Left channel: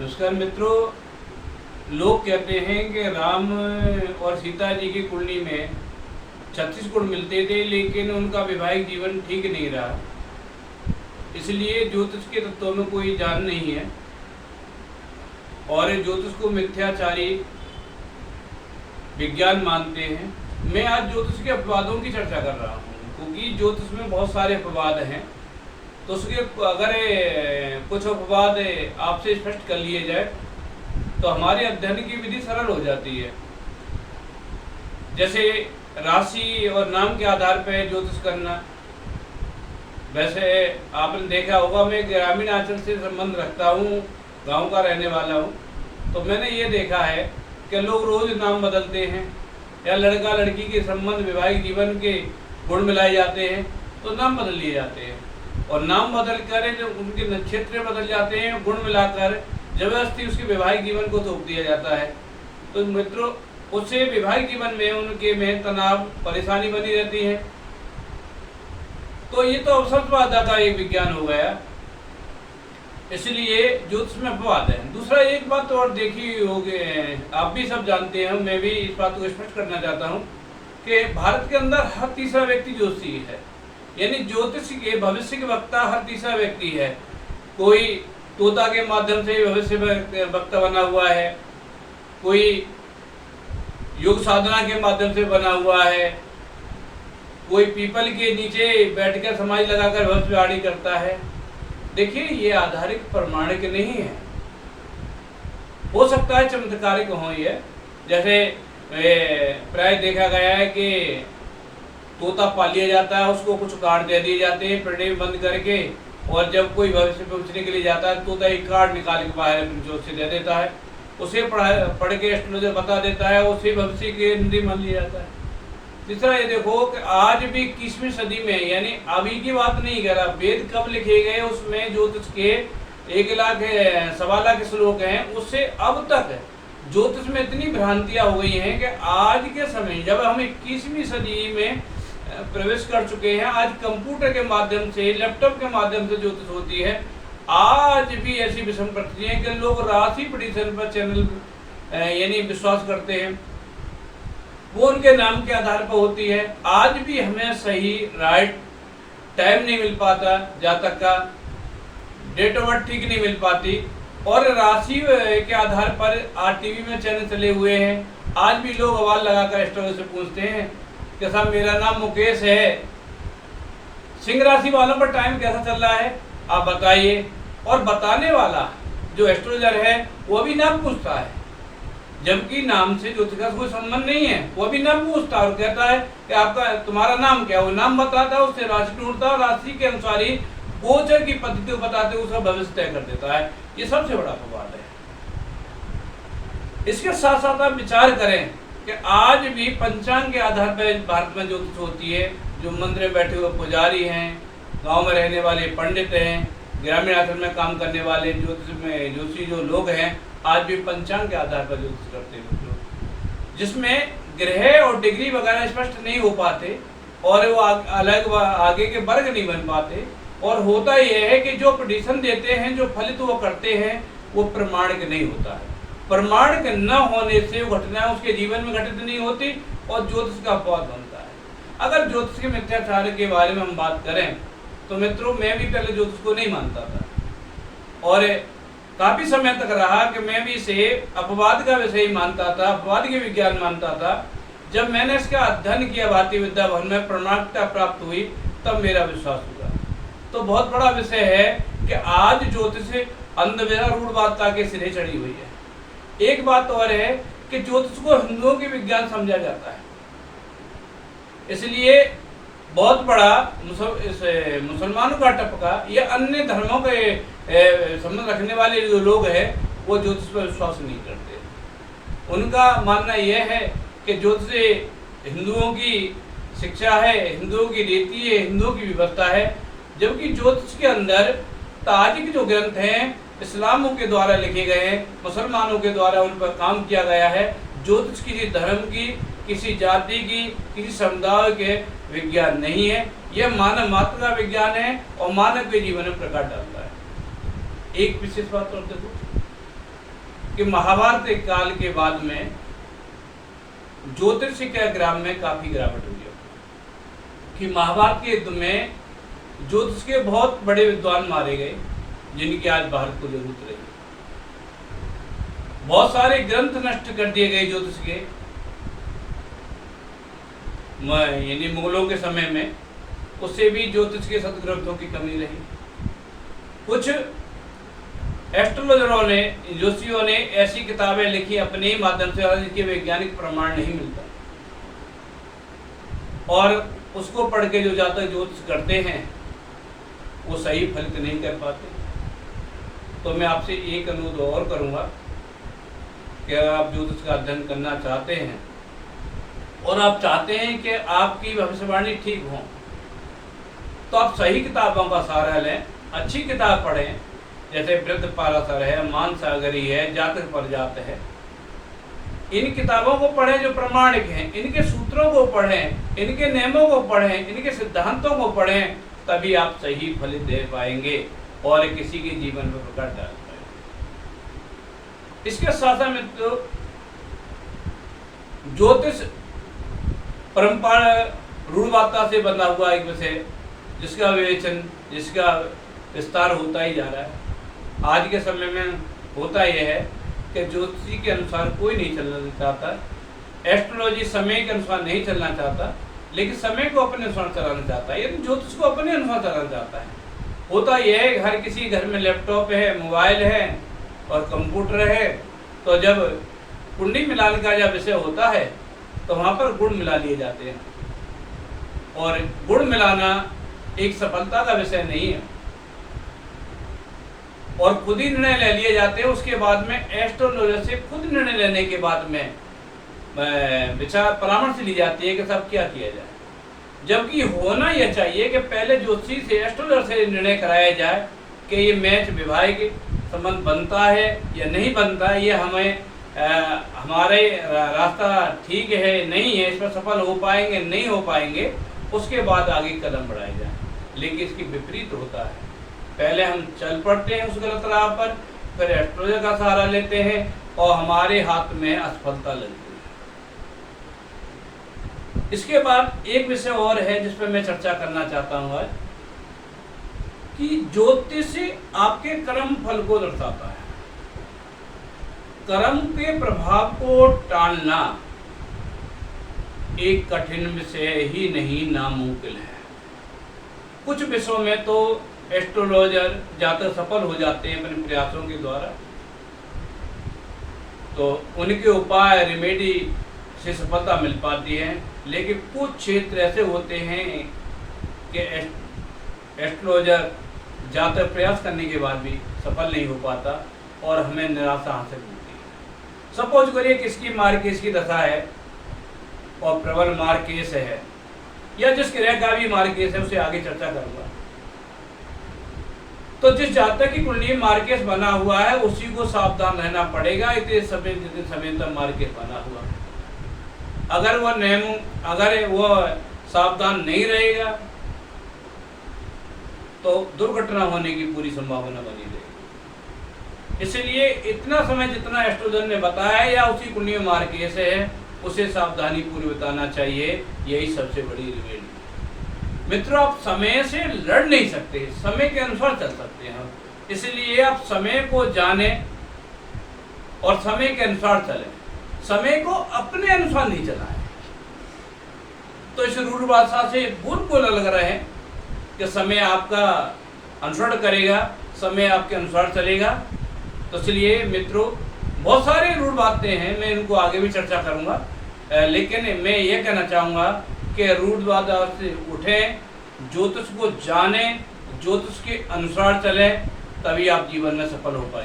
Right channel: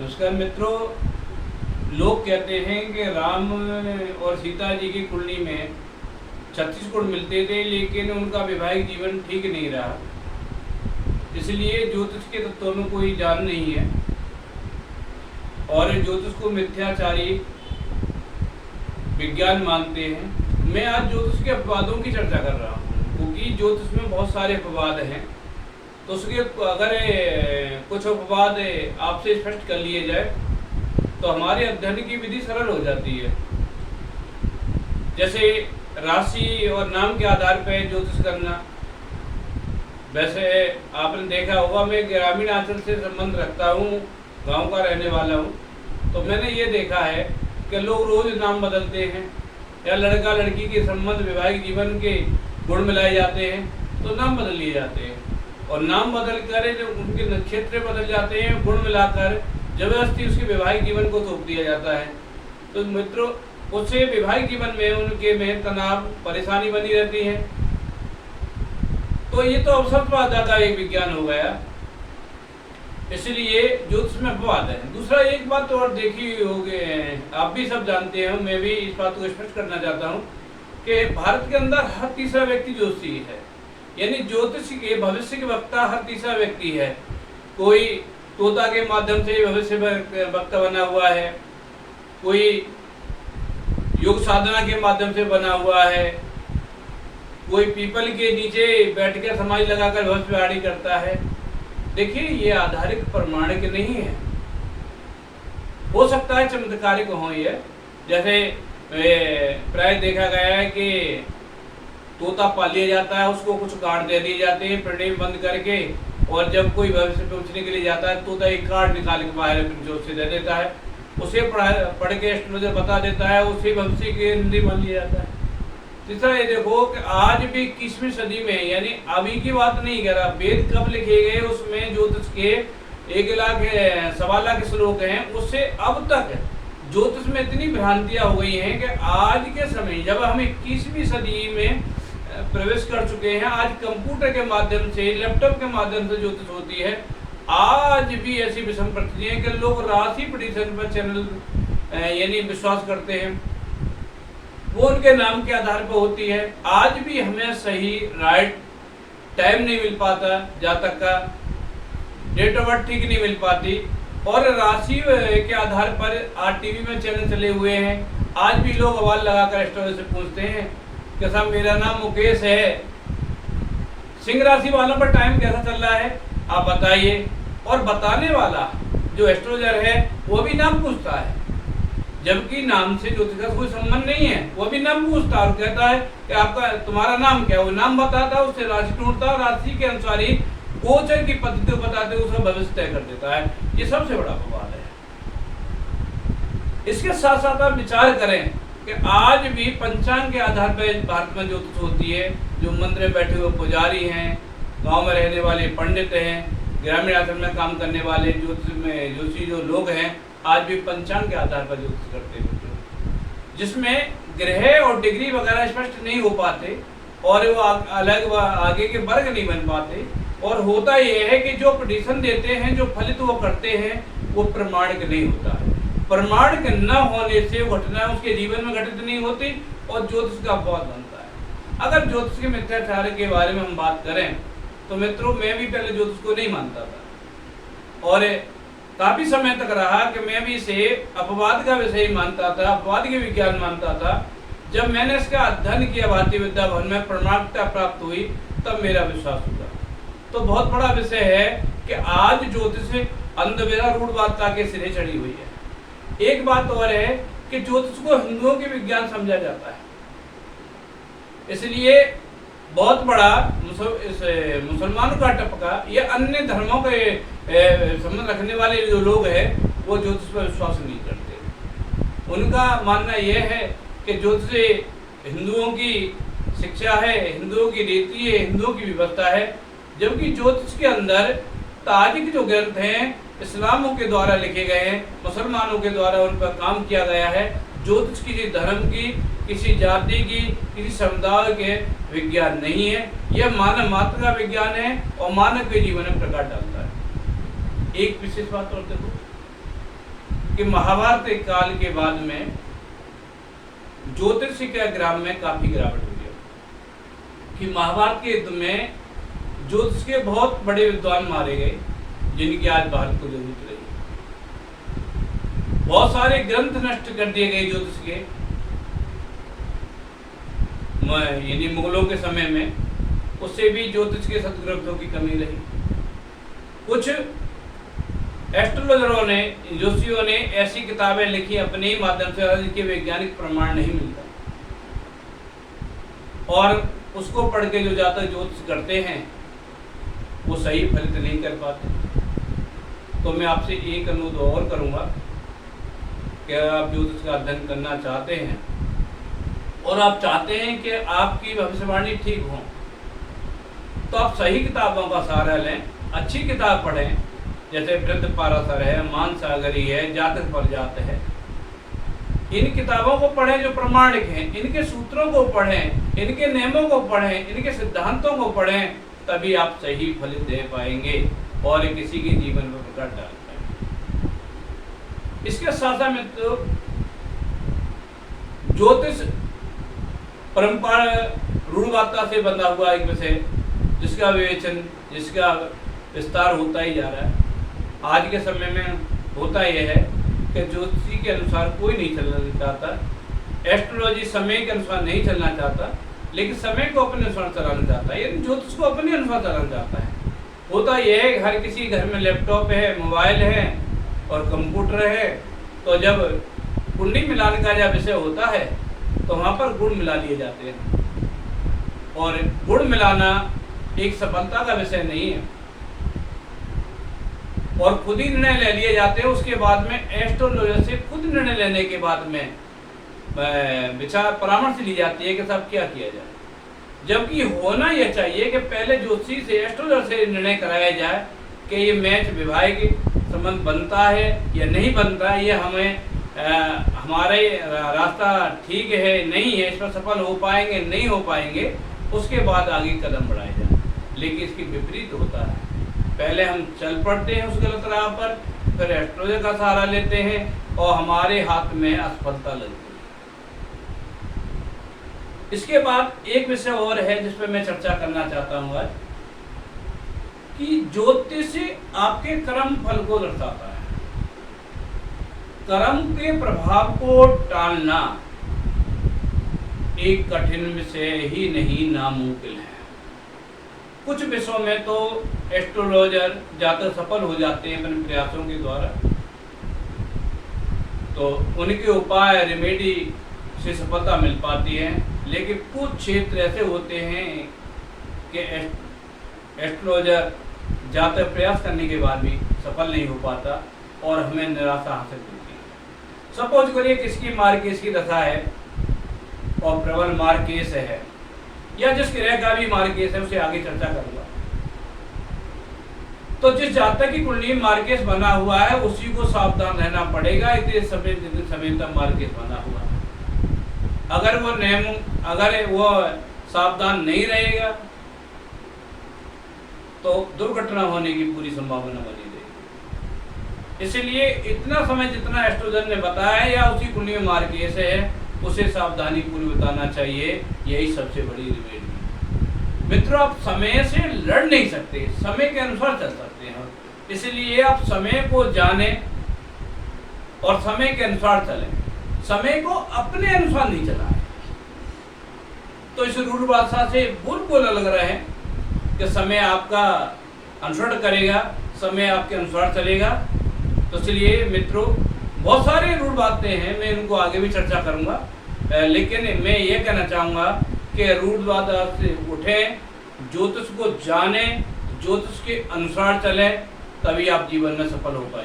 नमस्कार मित्रों। लोग कहते हैं कि राम और सीता जी की कुंडली में 36 गुण मिलते थे, लेकिन उनका वैवाहिक जीवन ठीक नहीं रहा। इसलिए ज्योतिष के तत्वों में कोई जान नहीं है और ज्योतिष को मिथ्याचारी विज्ञान मानते हैं। मैं आज ज्योतिष के अपवादों की चर्चा कर रहा हूँ, क्योंकि ज्योतिष में बहुत सारे अपवाद हैं। तो उसके अगर कुछ अपवाद आपसे स्पष्ट कर लिए जाए तो हमारे अध्ययन की विधि सरल हो जाती है। जैसे राशि और नाम के आधार पर ज्योतिष करना। वैसे आपने देखा होगा, मैं ग्रामीण आंचल से संबंध रखता हूँ, गांव का रहने वाला हूँ। तो मैंने ये देखा है कि लोग रोज नाम बदलते हैं, या लड़का लड़की के संबंध वैवाहिक जीवन के गुण मिलाए जाते हैं तो नाम बदल लिए जाते हैं, और नाम बदल कर उनके नक्षत्र बदल जाते हैं, गुण मिलाकर जबरदस्ती उसके वैवाहिक जीवन को थोप दिया जाता है। तो मित्रों, उससे वैवाहिक जीवन में उनके में तनाव, परेशानी बनी रहती है। तो ये तो अवसरवाद का एक विज्ञान हो गया, इसलिए ज्योतिष में अपवाद है। दूसरा एक बात और देखी होगी, आप भी सब जानते हैं, मैं भी इस बात को स्पष्ट करना चाहता हूँ कि भारत के अंदर हर तीसरा व्यक्ति ज्योतिषी है। यानी ज्योतिष के भविष्य के वक्ता हर तीसरा व्यक्ति है। कोई तोता के माध्यम से भविष्य वक्ता बना हुआ है, कोई योग साधना के माध्यम से बना हुआ है, कोई पीपल के नीचे बैठकर समाज लगाकर भविष्यवाणी करता है। देखिए, ये आधारित प्रमाणिक नहीं है। हो सकता है चमत्कारिक हो ये, जैसे प्राय देखा गया है कि तोता पाल लिया जाता है, उसको कुछ कार्ड दे दिए जाते हैं पिंजरे में बंद करके, और जब कोई भविष्य पूछने के लिए जाता है, तोता एक कार्ड निकाल के बाहर जोर से दे देता है, उसे पढ़ के एस्ट्रोलॉजर बता देता है, उसे भविष्य के निधि मान लिया जाता है। तीसरा ये देखो कि आज भी 21वीं सदी में, यानी अभी की बात नहीं कह रहा, वेद कब लिखे गए उसमें ज्योतिष के 1 लाख 1.25 लाख श्लोक हैं, उससे अब तक ज्योतिष में इतनी भ्रांतियां हो गई हैं कि आज के समय जब हम 21वीं सदी में प्रवेश कर चुके हैं, आज कंप्यूटर के माध्यम से, लैपटॉप के माध्यम से ज्योतिष होती है। आज भी ऐसी विषम परिस्थिति है कि लोग राशि प्रेडिक्शन पर चैनल यानी विश्वास करते हैं, वो उनके नाम के आधार पर होती है। आज भी हमें सही राइट टाइम नहीं मिल पाता, जातक का डेट ऑफ बर्थ ठीक नहीं मिल पाती, और राशि के आधार पर आज टीवी में चैनल चले हुए हैं। आज भी लोग आवाज लगाकर एस्ट्रोलॉजर से पूछते हैं कि साहब मेरा नाम मुकेश है, सिंह राशि वालों पर टाइम कैसा चल रहा है आप बताइए। और बताने वाला जो एस्ट्रोलॉजर है वो भी नाम पूछता है, जबकि नाम से ज्योतिष का कोई संबंध नहीं है। वो भी नाम पूछता है और कहता है कि आपका तुम्हारा नाम क्या है, वो नाम बताता है, उससे राशि ढूंढता है और राशि के अनुसार ही गोचर की पद्धति बताते उसका भविष्य तय कर देता है। ये सबसे बड़ा अपवाद है। इसके साथ साथ आप विचार करें कि आज भी पंचांग के आधार पर भारत में ज्योतिष होती है। जो मंदिर में बैठे हुए पुजारी हैं, गांव में रहने वाले पंडित हैं, ग्रामीण आश्रम में काम करने वाले ज्योतिषी जो लोग हैं, आज भी पंचांग के आधार पर ज्योतिष करते हैं, जिसमें ग्रह और डिग्री वगैरह स्पष्ट नहीं हो पाते, और वो अलग आगे के वर्ग नहीं बन पाते। और होता यह है कि जो प्रेडिक्शन देते हैं, जो फलित वो करते हैं, वो प्रमाणिक नहीं होता है। प्रमाणिक न होने से वो घटना उसके जीवन में घटित नहीं होती और ज्योतिष का अपवाद बनता है। अगर ज्योतिष के मिथ्याचार के बारे में हम बात करें तो मित्रों, मैं भी पहले ज्योतिष को नहीं मानता था, और काफी समय तक रहा कि मैं भी इसे अपवाद का विषय मानता था, अपवाद के विज्ञान मानता था। जब मैंने इसका अध्ययन किया भारतीय विद्या भवन में, प्रमाणिकता प्राप्त हुई, तब मेरा विश्वास हुआ। तो बहुत बड़ा विषय है कि आज ज्योतिष अंधविश्वास रूढ़वादिता के सिरे चढ़ी हुई है। एक बात और है कि ज्योतिष को हिंदुओं के विज्ञान समझा जाता है, इसलिए बहुत बड़ा मुसलमानों का टपका या अन्य धर्मों के संबंध रखने वाले जो लोग हैं, वो ज्योतिष पर विश्वास नहीं करते। उनका मानना यह है कि ज्योतिष हिंदुओं की शिक्षा है, हिंदुओं की रीति है, हिंदुओं की व्यवस्था है, जबकि ज्योतिष के अंदर ताजिक जो ग्रंथ हैं इस्लामों के द्वारा लिखे गए हैं, मुसलमानों के द्वारा उन पर काम किया गया है। ज्योतिष किसी धर्म की, किसी जाति की, किसी समुदाय के विज्ञान नहीं है। यह मानव मात्र का विज्ञान है और मानव के जीवन में प्रकाश डालता है। एक विशेष बात और देखो, कि महाभारत के काल के बाद में ज्योतिष के ग्राम में काफी गिरावट हुई है, कि महाभारत के युद्ध में ज्योतिष के बहुत बड़े विद्वान मारे गए जिनकी आज भारत को जरूरत रही। बहुत सारे ग्रंथ नष्ट कर दिए गए ज्योतिष के, यानी मुगलों के समय में, उससे भी ज्योतिष के सदग्रंथों की कमी रही। कुछ एस्ट्रोलॉजरों ने, ज्योतिषियों ने ऐसी किताबें लिखी अपने ही माध्यम से जिसके वैज्ञानिक प्रमाण नहीं मिलता, और उसको पढ़ के जो जातक ज्योतिष करते हैं वो सही फलित नहीं कर पाते। तो मैं आपसे एक अनुरोध और करूंगा कि अगर आप ज्योतिष का अध्ययन करना चाहते हैं और आप चाहते हैं कि आपकी भविष्यवाणी ठीक हो, तो आप सही किताबों का सहारा लें, अच्छी किताब पढ़ें, जैसे वृद्ध पाराशर है, मानसागरी है, जातक परजात है। इन किताबों को पढ़ें जो प्रमाणिक हैं, इनके सूत्रों को पढ़ें, इनके नियमों को पढ़ें, इनके सिद्धांतों को पढ़ें, तभी आप सही फलित दे पाएंगे और किसी के जीवन पर प्रकाश डाल पाएंगे। इसके साथ साथ मित्रों, ज्योतिष परंपरा रूढ़वादिता से बंधा हुआ एक विषय, जिसका विवेचन, जिसका विस्तार होता ही जा रहा है। आज के समय में होता यह है कि ज्योतिषी के अनुसार कोई नहीं चलना चाहता, एस्ट्रोलॉजी समय के अनुसार नहीं चलना चाहता, लेकिन समय को अपने अनुसार चलाना चाहता है, यानी ज्योतिष को अपने अनुसार चलाना चाहता है। होता यह है हर किसी घर में लैपटॉप है, मोबाइल है और कंप्यूटर है, तो जब कुंडली मिलाने का जब विषय होता है तो वहाँ पर गुण मिला लिए जाते हैं, और गुण मिलाना एक सफलता का विषय नहीं है, और खुद ही निर्णय ले लिए जाते हैं। उसके बाद में एस्ट्रोलॉजर से खुद निर्णय लेने के बाद में विचार परामर्श ली जाती है कि सब क्या किया जाए, जबकि होना यह चाहिए कि पहले ज्योतिषी से, एस्ट्रोलॉजर से निर्णय कराया जाए कि ये मैच वैवाहिक संबंध बनता है या नहीं बनता है, ये हमें हमारे रास्ता ठीक है नहीं है, इस पर सफल हो पाएंगे नहीं हो पाएंगे, उसके बाद आगे कदम बढ़ाए जाए। लेकिन इसके विपरीत होता है, पहले हम चल पड़ते हैं उस गलत राह पर, फिर एस्ट्रोलॉजर का सहारा लेते हैं और हमारे हाथ में असफलता लगती है। इसके बाद एक विषय और है जिस पर मैं चर्चा करना चाहता हूँ आज, कि ज्योतिष आपके कर्म फल को दर्शाता है। कर्म के प्रभाव को टालना एक कठिन विषय ही नहीं, नामुमकिन है। कुछ विषयों में तो एस्ट्रोलॉजर जाकर सफल हो जाते हैं अपने प्रयासों के द्वारा, तो उनके उपाय, रेमेडी से सफलता मिल पाती है। लेकिन कुछ क्षेत्र ऐसे होते हैं कि एस्ट्रोलॉजर जाकर प्रयास करने के बाद भी सफल नहीं हो पाता और हमें निराशा हासिल होती है। सपोज करिए किसकी मार्केस की दशा है और प्रबल मार्केस है, या जिस ग्रह का भी मार्केस है, उसे आगे चर्चा करूंगा। तो जिस जातक की कुंडली मार्केस बना हुआ है उसी को सावधान रहना पड़ेगा इतने समय तक मार्केस बना हुआ है। अगर वो सावधान नहीं रहेगा तो दुर्घटना होने की पूरी संभावना बनी रहेगी। इसलिए इतना समय जितना एस्ट्रोलॉजर ने बताया या उसी कुंडली में मार्केस है, उसे सावधानी पूरी बताना चाहिए। यही सबसे बड़ी रिमेडी। मित्रों, आप समय से लड़ नहीं सकते, समय के अनुसार चल सकते हैं। इसलिए आप समय को जानें और समय के अनुसार चलें, समय को अपने अनुसार नहीं चलाएं। तो इस रूढ़वादिता से बिल्कुल अलग रहें कि समय आपका अनुसरण करेगा, समय आपके अनुसार चलेगा। तो इसलिए मित्रों, बहुत सारे रूढ़वादितें हैं, मैं इनको आगे भी चर्चा करूंगा, लेकिन मैं ये कहना चाहूँगा कि रूढ़वादिता से उठें, ज्योतिष को जानें, ज्योतिष के अनुसार चलें, तभी आप जीवन में सफल हो पाएंगे।